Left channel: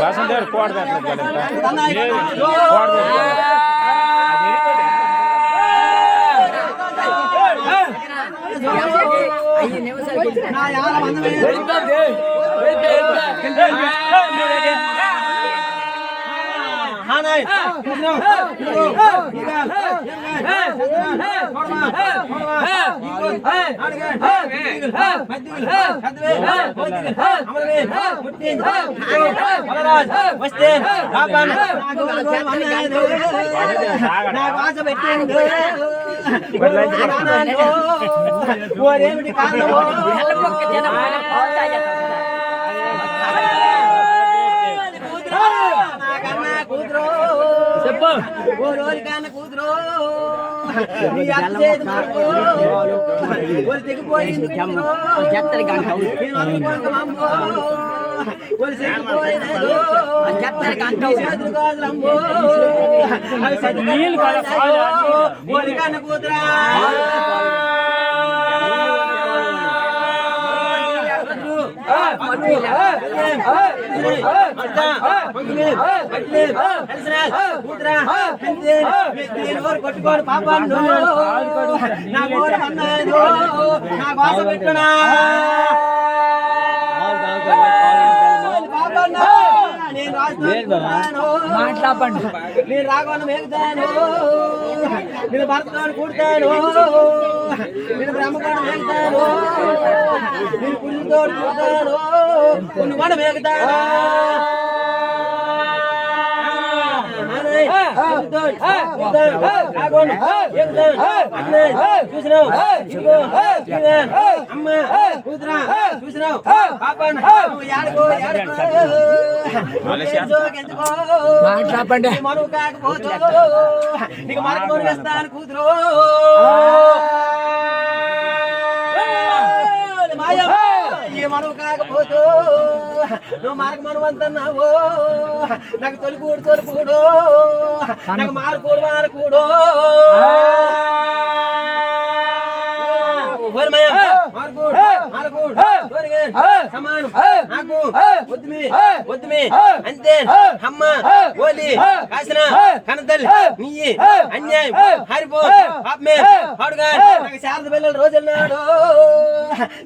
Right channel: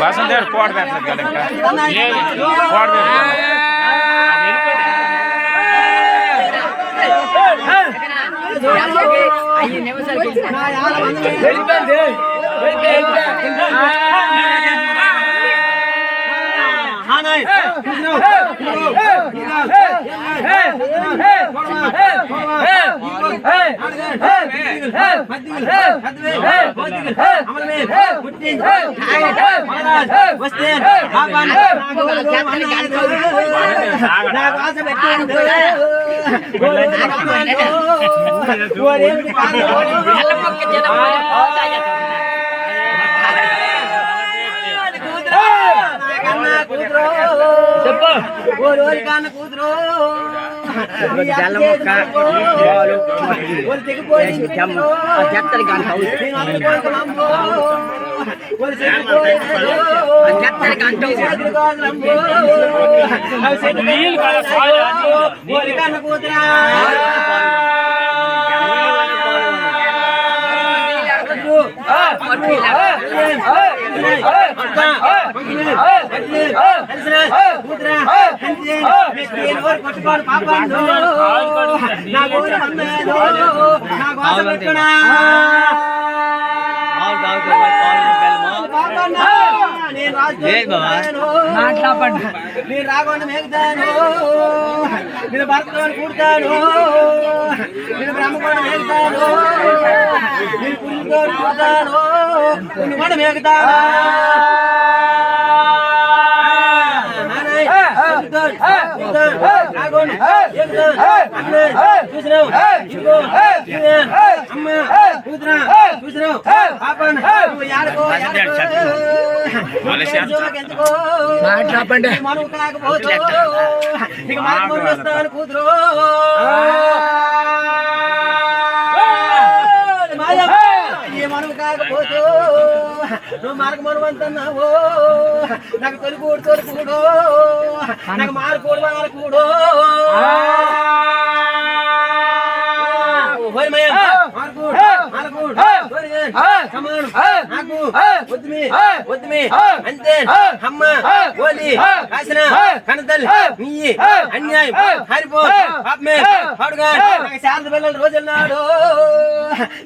బాసందేర్ code పెట్టలేదు code పెట్టలేదు కొట్టుకోడు పాపాను నా గోరం అన్నాను నా గోస పెట్టుకున్నా నేను రాకుండా మేగుతాను నేను భర్తతో కూడతాను నేను బ్రహ్మకోణ మేగుతాను నేను పుల్లితో కూడతాను కొన్ని కూడా మేగుతాను చూసినావు అమ్మ చూసినావు పాపను మనవు కాకపోతే ఇక మార్పు చేస్తాను కూతురు మనవు కాకపోతే నువ్వు మార్గ మనవంతన్నావు నాకు తొలికూడు నాకు మారకూడు అంతే అమ్మ ఓలి కాసిన కనతల్ నీ అన్యాయం హరిపో పాపమే పాడుగా నాకు శారద పిల్లల రోజున్నాడు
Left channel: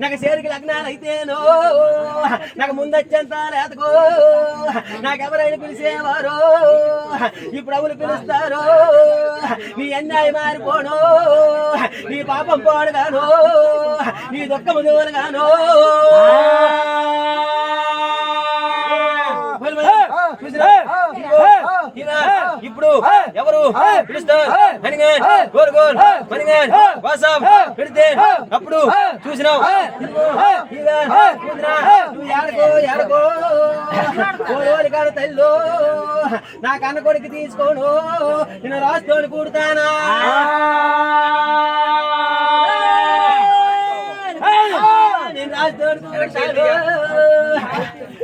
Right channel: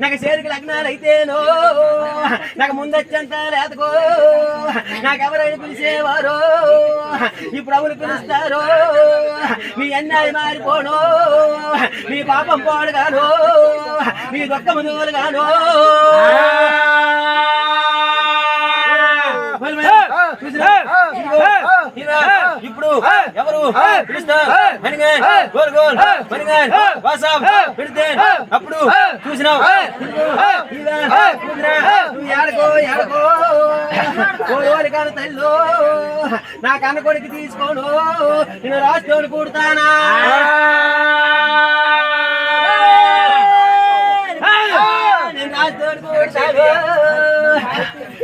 నాకు చేరికి లగ్నాలు అయితేనో నాకు ముందొచ్చంత లేతకో నాకెవరైనా పిలిచేవారు ఇప్పుడు అవును పిలుస్తారు నీ అన్యాయం మారిపోను నీ పాపం పోడుగాను నీ దుఃఖము దూలుగాను ఇప్పుడు ఎవరు పిలుస్తారు పెడితే అప్పుడు చూసినావు కాదు తల్లు నా కన్న కొడుకు తీసుకోను నేను రాసుకోని కూడతానా నేను రాసుకోని కూడతాను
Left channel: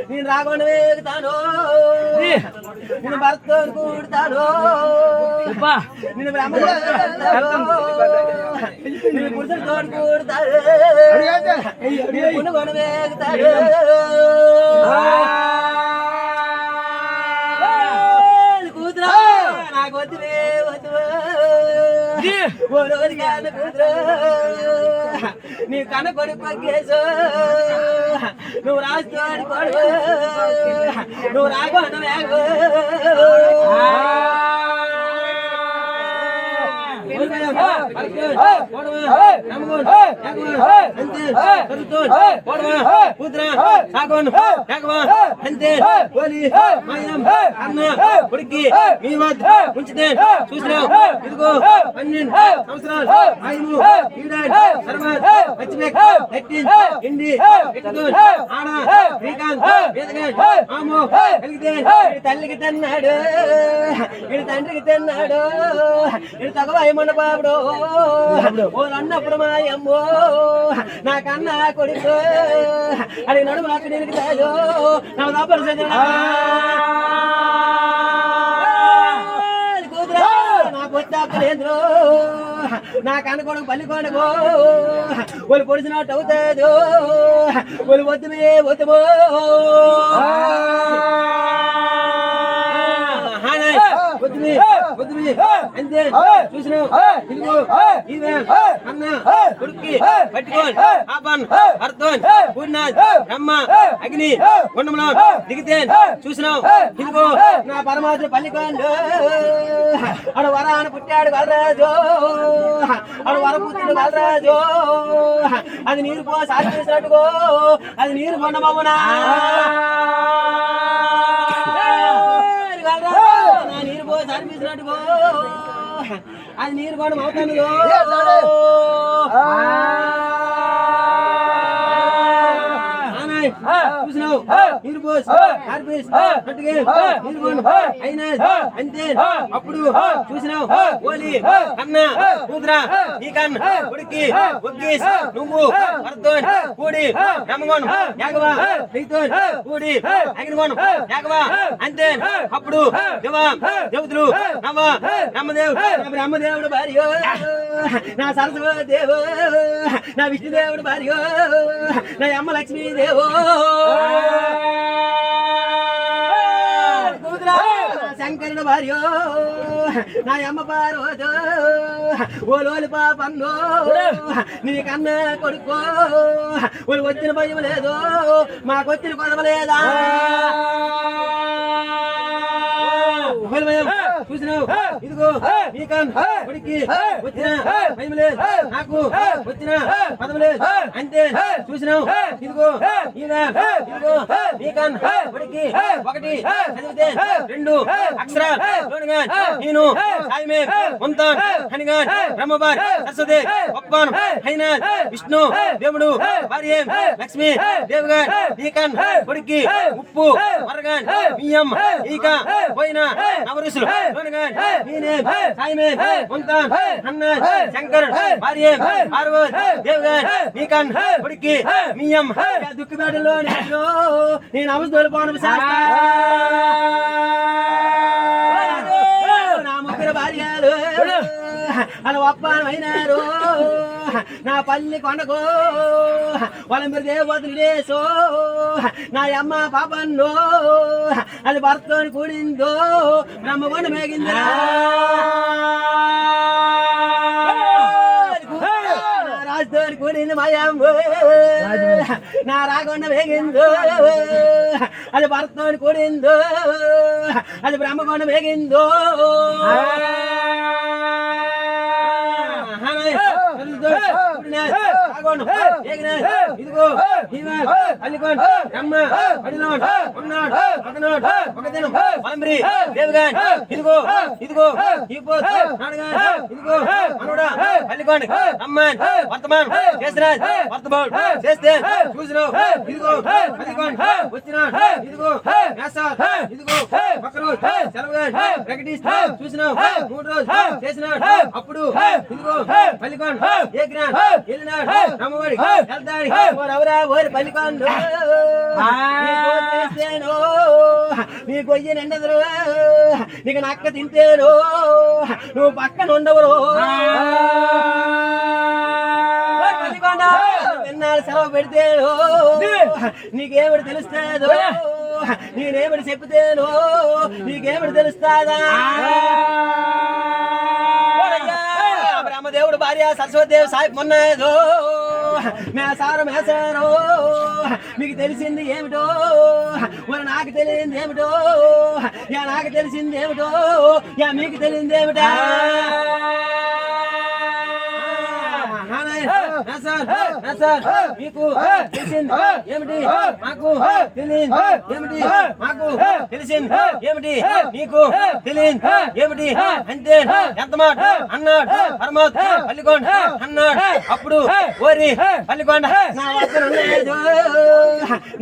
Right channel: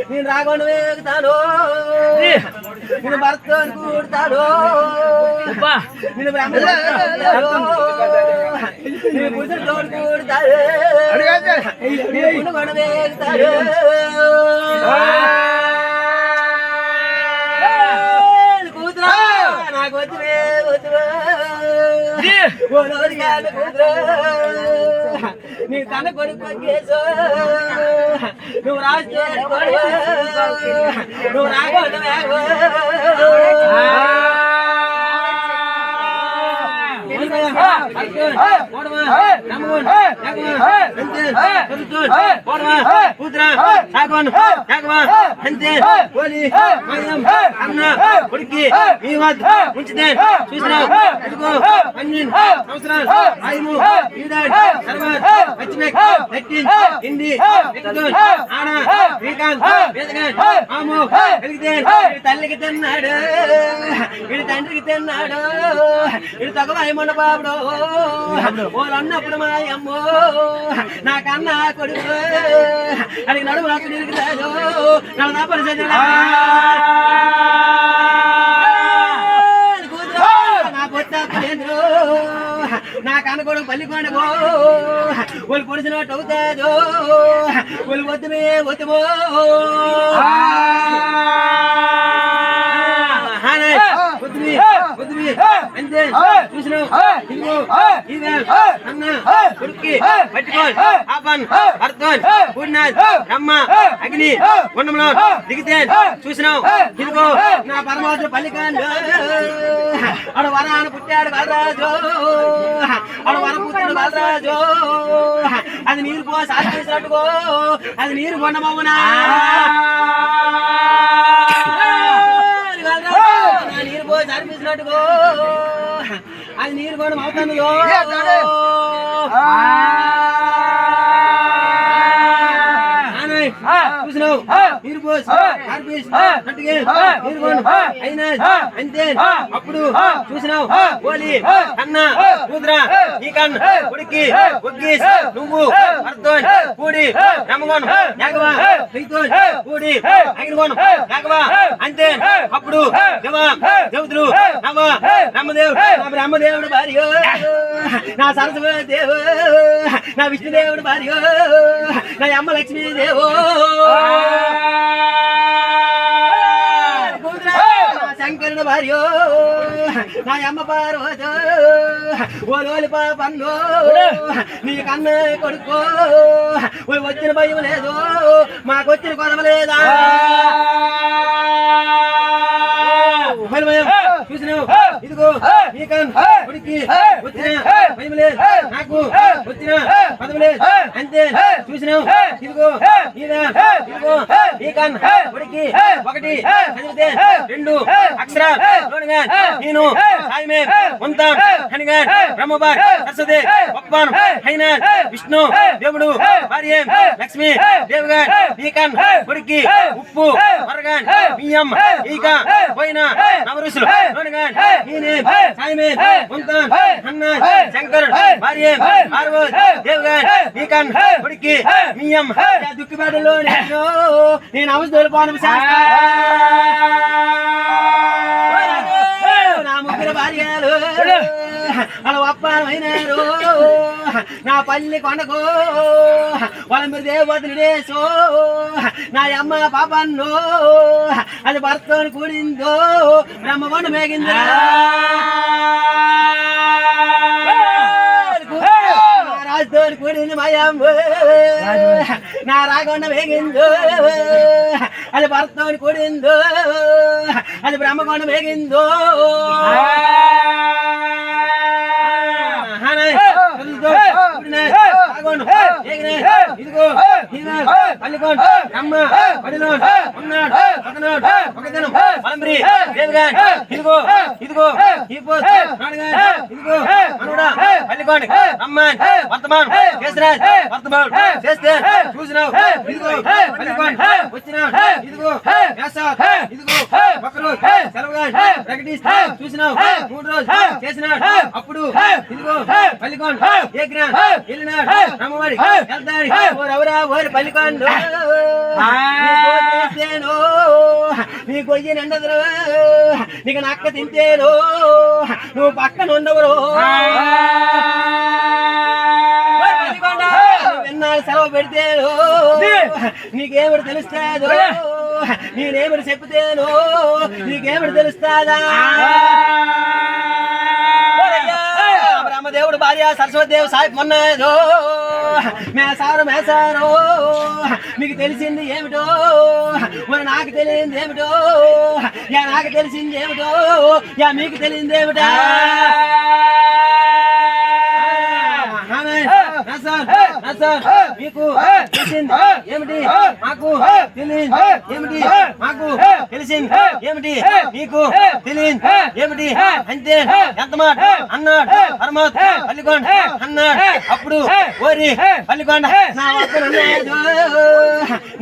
నేను రాకుండా వేగుతాను నేను భర్తతో కూడతాను నేను బ్రహ్మతో నేను పురుషులతో కూడతాను నేను కూడా వేగుతాను కూతురా నాకు వద్దువే కూతురు నీ కన్న కొడుకు పగ్గేసు నువ్వు రాజు నువ్వు రాకుండా కొడుకి మీ వద్ద ఉంచితే చూసినావు ఇదిగో 12 సంవత్సరాలు ఆయము హిందీ ఆడ శ్రీకాంత్ తల్లికి తిన్నాడు వీడి తండ్రికి తిన్నాడు వీడు తగవాయమన్న బాబుడు వాళ్ళు అన్నప్పుడు మా అమ్మో నాకన్నా కొడుకు అది నడుము నాకు నిలుగుతాడు నన్ను దాపరి నాకు వచ్చాక నాకు అనుకోవడం పల్లికొండకో వాళ్ళు పొడిచినట్టు అవుతాదో వాళ్ళు వద్దుమే వద్దుమో అంతే చూసినావు అన్న కొడుక్కి పట్టుకోని ఆపన్ అర్థోన్ పూర్ణాథ్ బ్రహ్మ అగ్ని గుండంలో దిగితే చూసినావు ఇదిగో నా పరమాత్మ పల్లికాండు ఆడు వరాన పుట్టాడు కలరాజు ఆడు వర పుట్టాడు కలరాజు అది నీరు పో సాధించినట్టుకో అది నీరు కొండమవునా నీరు పోయి సరిపించినట్టుకో అది నీరు కూడా అవుతాను చూసినావు నీరు పోసి నీరు కొండ అయినా అంతే అప్పుడు చూసినావు ఓలి అన్న కూతుర ఈ కన్న కొడుక్కి ఒగ్గి నువ్వు అర్థం కూడి రమ్మగోణం యాగవా కూడి అగినగోణం యాగవా అంతే అప్పుడు దేవతలు నవ బ్రహ్మదేవుడు నా బ్రహ్మదేవుడు భార్య నా సరస్వతి దేవు నా విష్ణుదేవుడు భార్య నా అమ్మ లక్ష్మీదేవు శంకరుడు భార్య నా అమ్మ పార్వతో ఓలోలి పాపంలో నీ కన్న కొడుకో ఓలు వచ్చిన భయం లేదు మాకొచ్చిన కొదవ లేదా చూసినావు ఇదిగో కొడుక్కి వచ్చిన భయం లేదు నాకు వచ్చిన పదం లేదు అంతే చూసినావు ఇదిగో ఇదిగో నీకన్ కొడుక్కి ఒకటి చదివితే రెండు అక్షరాలు నేను సాయిమే ఉంటాను హనిగా బ్రహ్మబార్ సరస్వతి ఒప్పాను అయినా విష్ణు దేవుడు భార్య లక్ష్మి దేవుగా నీకన్ కొడుక్కి ఉప్పు మరగాన్ బియ్యం ఈక పోయిన నవరుసులు నేనే సాయిమే ఉంటాను అన్న శంకర్ భార్య పార్వతి దేవుగా నీకన్ కొడుక్కి బియ్యం దుఃఖిపేటలో నేను అవసరం పోను నా ముగ్గురు భార్యలు అలా ఒప్పనమైనారు నా పల్లి కొండకు వాళ్ళ మీరు దేవతలుడేసో నా అమ్మ పాపన్నో అది భర్తని కూడిందో బ్రహ్మగొండ మేగిందా రాజుతోని కూడింది మాయమ్మ నా రాగొండ వేగిందో అది భర్తని కూడిందో అది బ్రహ్మగొండ వేగిందో ఇదిగో పల్లికొండ అమ్మ పడినోడు ఉన్నాడు పక్కనోడు ఒకదనం పలంబ్రి దేవిగా ఇదిగో ఇదిగో ఇదిగో మనోడా పల్లికొండ అమ్మ వర్తమాన్ కేసరాజ్ వర్తమాన్ చేస్తే చూసినావు ఇదిగో పల్లికొండ వచ్చినాడు ఇదిగో ఇదిగో ఒకరోజు సెలవుగా ప్రకటిస్తే చూసినావు 3 రోజులు చేసినాడు అప్పుడు ఇదిగో పల్లికొండ ఏ గ్రాన్ వెళ్ళినాడు రమ్మవాడి వెళ్తాడు ఓరవరా ఓరి పల్లికొండ నీ కొయ్యి నిండదురు నీకు నక్క తింటేను నువ్వు పక్కన ఉండవరు పల్లికొండ ఎన్నాళ్ళు సెలవు పెడితేను నీకేమిటి తెలుస్తాదో నేనేమిటి చెప్తేను నీకేమిటి తెలుస్తాదా బ్రహ్మదేవుడు భార్య సరస్వతి దేవి సాయి మొన్నదో మేసారో మీకు తెలిసింది ఏమిటో మరి నాకు తెలియంది ఏమిటో యా నాకు తెలిసింది ఏమిటో యా మీకు తెలియంది ఏమిటా మీకు తెలిసింది ఏమిటి మాకు తెలియదు ఏమిటి మాకు తెలిసింది ఏమిటి మీకు తెలియదు ఏమిటి అంతే ఎంత మాట అన్నాడు పరమాత్మ పల్లికొండ అన్నాడు అప్పుడు ఓరి పల్లికొండ నా వద్దన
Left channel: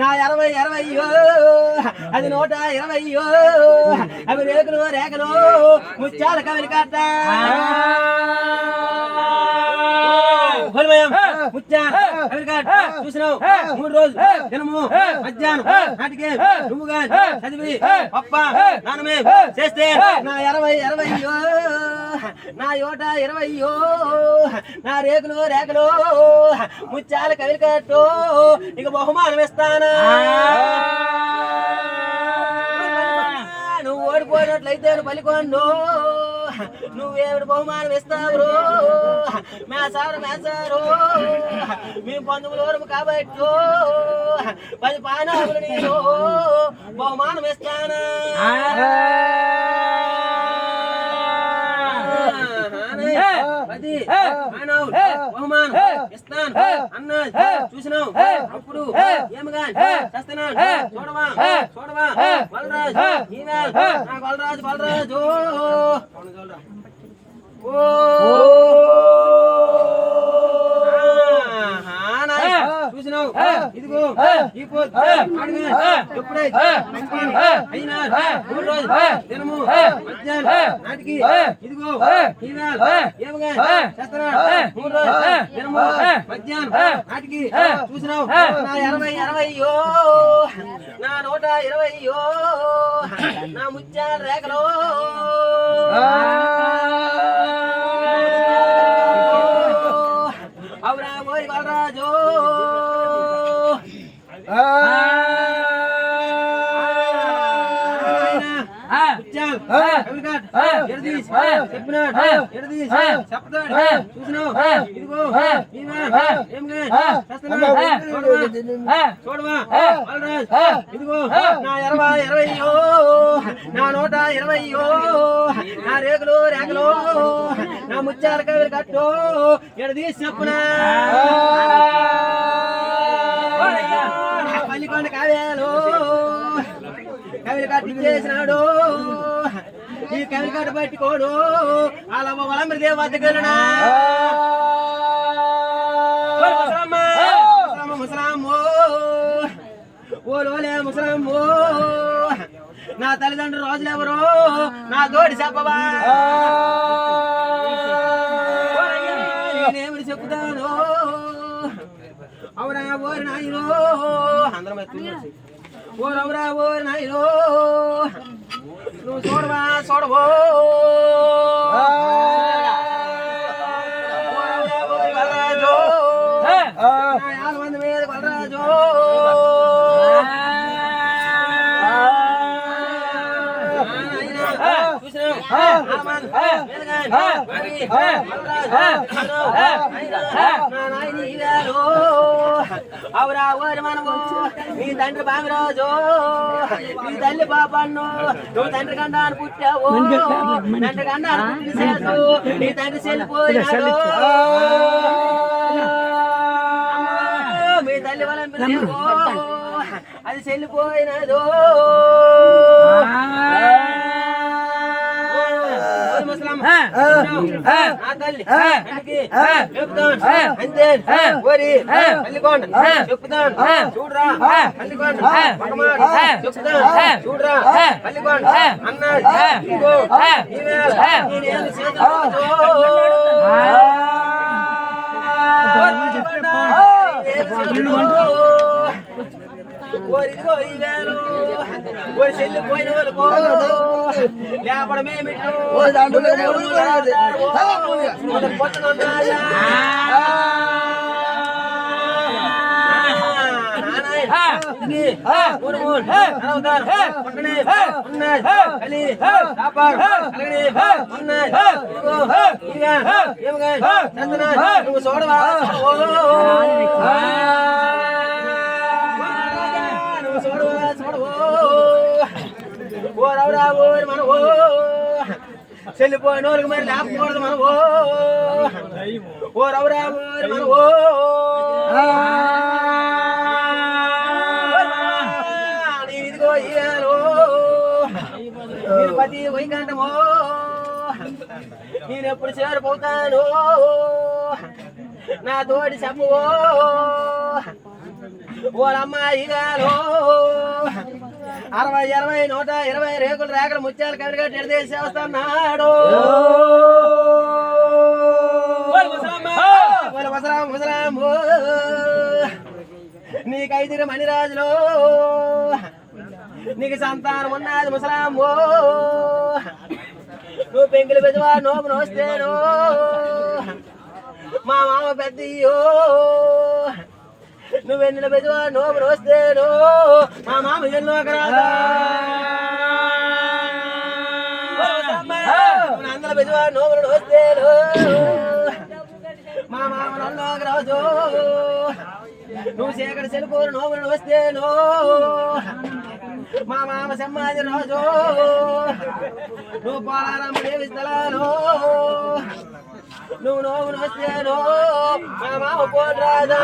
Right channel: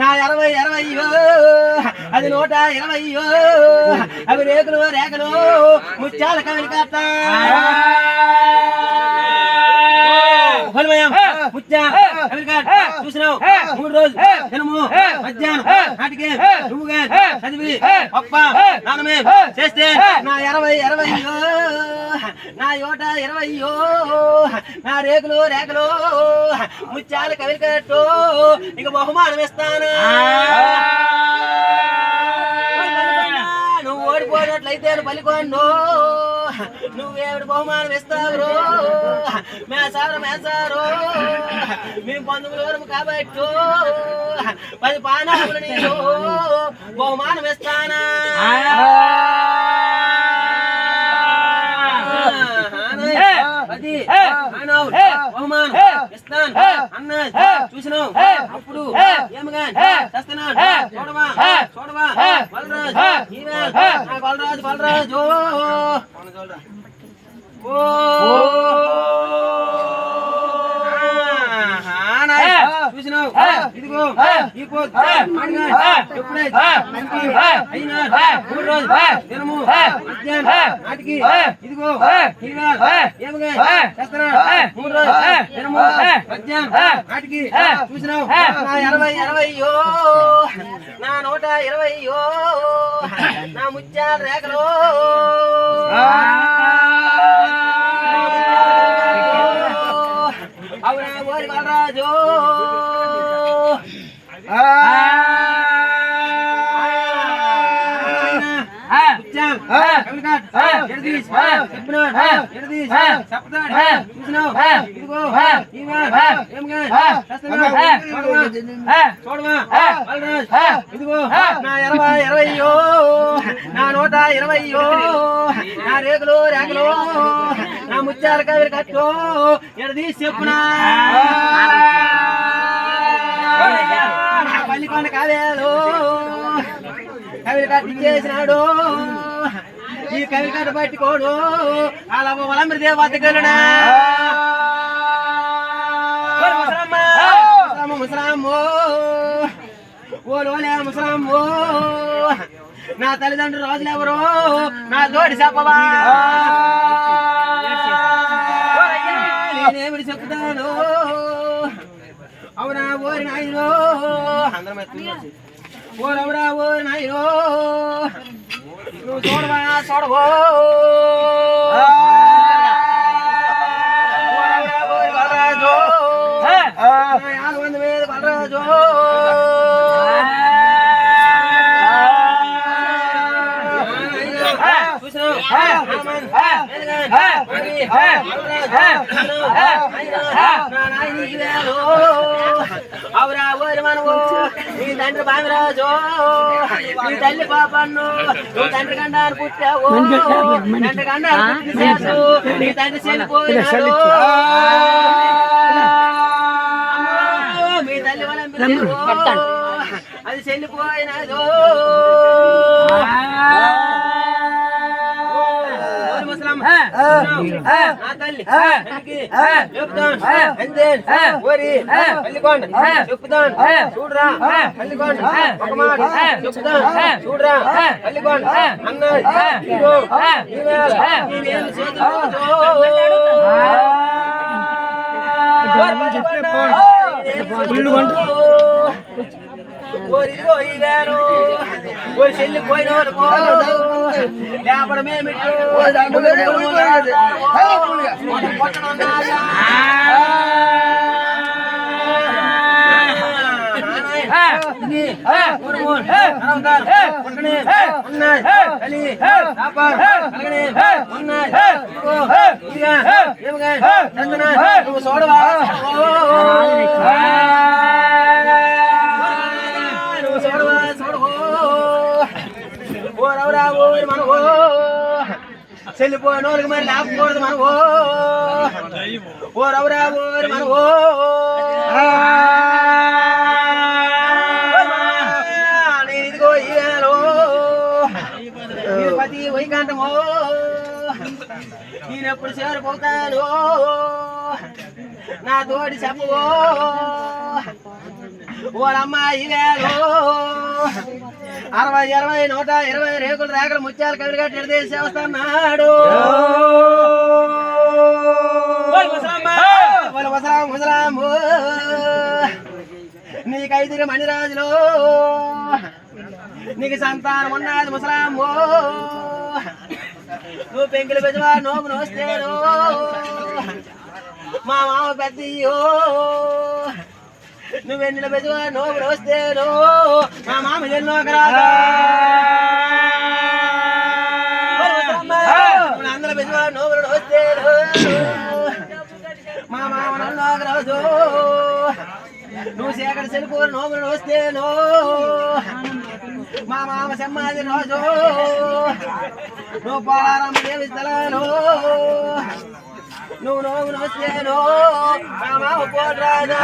నా 20 అది 120 అవి రేఖలు ముత్యాల కవిలి కాట చూసినావు 3 రోజులు దినము మధ్యాహ్నం నాటికి నువ్వుగా చదివి పప్ప నానమే చేస్తే నా 20 నా 120 నా రేకులు ముత్యాల కవిలి కట్టు ఇక బహుమానం ఇస్తానా నువ్వు ఓడిపోయినట్లయితే పలికొండు నువ్వేమిటి బహుమానం ఇస్తావు మేసారు మేము 19 వరకు కాబట్టి 10 పానాలు నీకు బహుమానం ఇస్తానా బహుమానం ఇస్తాను అన్నది చూసినావు అప్పుడు ఏమగా చేస్తున్నాడు చూడవా బలరాజు చూసినావు ఇదిగో ఈ ఎప్పుడైతే అయినా 3 రోజులు దినము మధ్యాహ్నం నాటికి ఇదిగో ఏమగా చేస్తున్నాడు 3 రోజులు దినము మధ్యాహ్నం నాటికి చూసినావు నా 20 నా 120 నా ముత్యాల రేఖలో అవునా ఓరి బలరాజు చూడవా ఇదిగో నా 20 నా 120 నా రేకులు నా ముత్యాల కవిరి కట్టు ఎడదీసి చెప్పునా పల్లికొండ కావేలు కవిరి కట్టించేసినాడు ఈ కవిరి కట్ట పట్టుకోడు అలా వలంబరి దేవ వద్దగలునా ముసలామ్మో ఓలోలే ముసలామ్మో నా తల్లిదండ్రులు రోజులు ఎవరు నా తోడి చెప్పవా నేనేమిటి చెప్తాను అవునా ఓరి నాయనో అందరం ఓరవరా ఓరి నాయనో నువ్వు చూడవో బలరాజు 500 మీద బలరాజు అవురా ఓరి మనము నీ తండ్రి బామిరాజు నీ తల్లి పాపన్ను నువ్వు తండ్రి గండాన్ని పుట్టావు తండ్రి గండాన్ని పుట్టిన నీ తండ్రి చెల్లిపోయినాడు మీ తల్లి వలం అది చెల్లిపోయినదో నా తల్లి చెప్తాను అంతే ఓరి పల్లికొండ చెప్తాను చూడరా పల్లికొండ ఒక మాట చెప్తాను చూడరా పల్లికొండ అన్నది ఇదిగో నేనేమి చేతులు చెల్లిపోయిన లేపడమేమిటో పొట్టనున్నాయా నువ్వు చూడవా ఓరవరా ఓరి మనవో చెల్లిపోయిన వాళ్ళకి మరి లేకపోకూడదు మనవో ఓరవరా ఓరి మనవో ఇదిగో ఇయాలో పతి వైకంఠమో నేనెప్పుడు చేరిపోతాను నా తోడి చెప్పవో ఓలమ్మాయి వేలో 60 20 120 రేకులు ముత్యాలు కవిరిగా ఎడదేసి వస్తున్నాడు బల వసరాం వసరాము నీకైదురు మణిరాజులో నీకు సంతానం ఉన్నది ముసలాము నువ్వు పెంకులు పెద్దవా నోము నోస్తేను మా మామ పెద్దయ్యో నువ్వెన్నెల పెద్దవా నోము నోస్తేను మా మామ ఎన్నో రాదా అందరూ పెద్దవా నోములు నోస్తేను మా మామ నన్ను రాజు నువ్వు సేకరి సెలుపులు నోములు వస్తేను మా మామ సమ్మాది రోజు నువ్వు పోలారమ్మ దేవి స్థలాలు నువ్వు నోములు వస్తేను మా మామ పోటు రాజు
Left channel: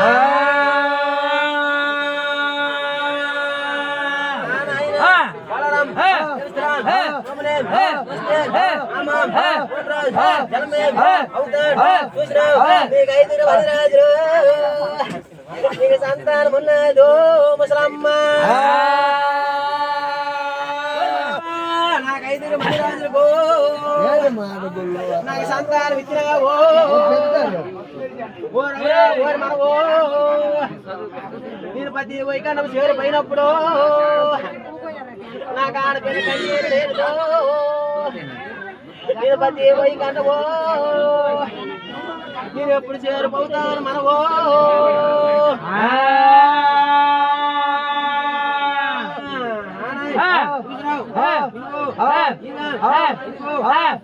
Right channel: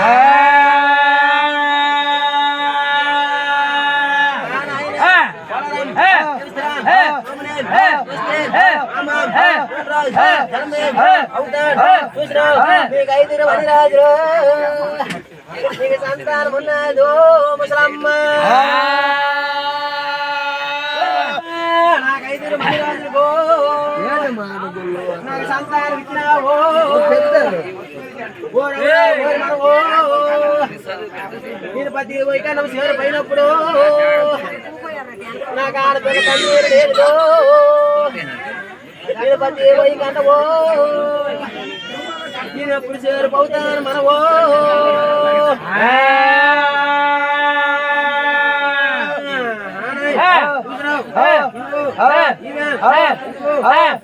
నీకైదురు మణిరాజులు నీకు సంతానం ఉన్నదో ముసలమ్మ నాకైదురు మణిరాజులు నాకు సంతానం ఇచ్చినావో మనవో నేను పది పోయి కన్నా చేరు పోయినప్పుడు నాకు ఆడపిల్ల కన్నీరు లేదు నేను పది పోయి కన్నవో నేను ఎప్పుడు చేరిపోతాను మనవో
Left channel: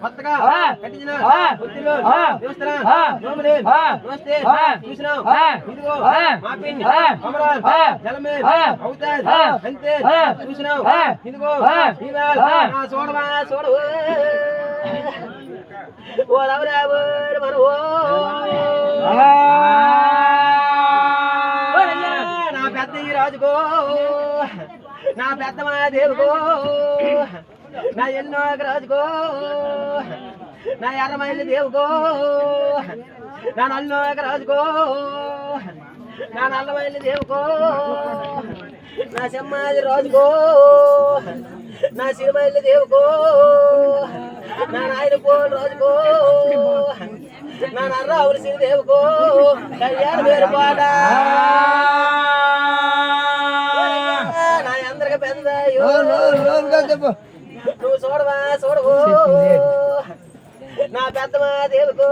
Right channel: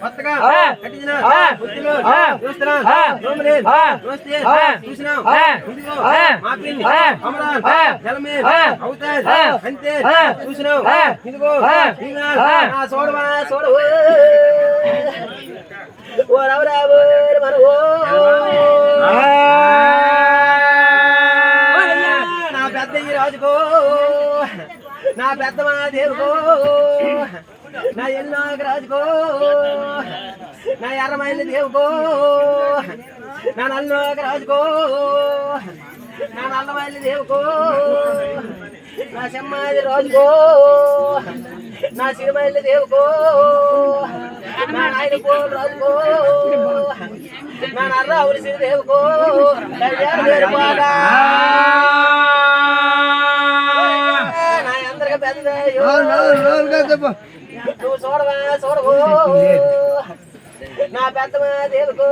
కొత్తగా కట్టించిన చూసినాం ఇదిగో మా పిన్ని అమరాన్ జలమేర్ అవుతాది అంతే చూసినావు ఇదిగో నా చూడవా చూడవు ఓ రవరావు మనవో నా పెద్ద ఈ రాజుకో నా పెద్ద మా దేవుకో నా ఎన్నో రాజుకో నా ఎర్రమైలి దేవుకో నా నల్లో రాజుకో నా నల్లమైలి దేవుకో నా సెమ్మాది రాజుకో నా సిరిమైలి దేవుకో నా నాయన పోలు రాజుకో నా నర్రావులి సిరి దేవుకో కళ్యాణ వేరు బాగా నా అందరికి పెద్దయ్యో నువ్వు చూడవా చూడవు నా పెద్దమా దేవుకో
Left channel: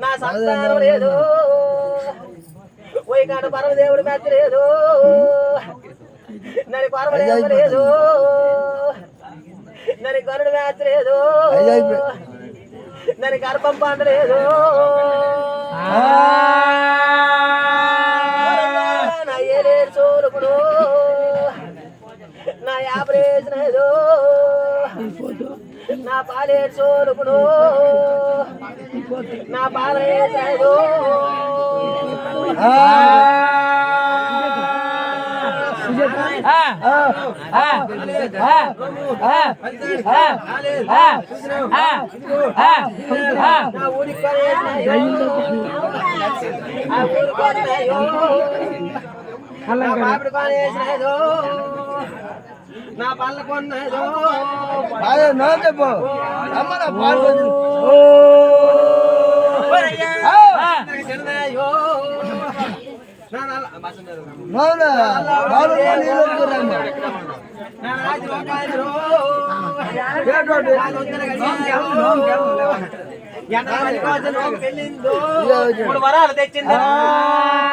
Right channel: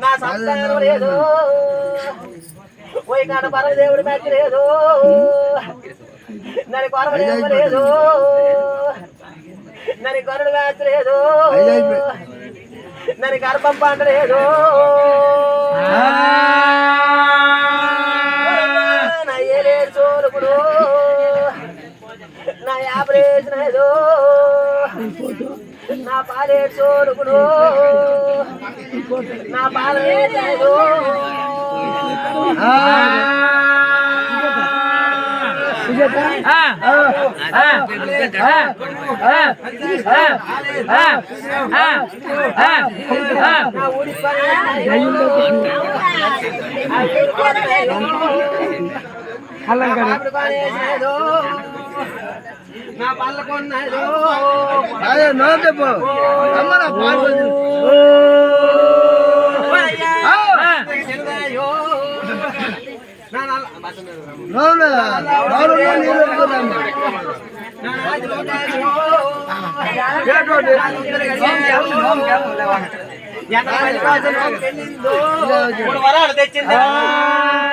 నా సంతానం లేదు పోయి కాడ పరమదేవుడి మెత్త లేదు నరి కొరవలేమ లేదు నరి గరుడు మెత్త లేదు నరి గర్భం పంట లేదు నా ఏలేడు చూడుకుడు నా యాభరేసిన ఏదో నా పాలేడు చూడుకుడు నా పాలేదో నా ఊరి నా పళ్ళ కొన్నాదో చిన్నదాయో మూడు వరాలు తెచ్చిందా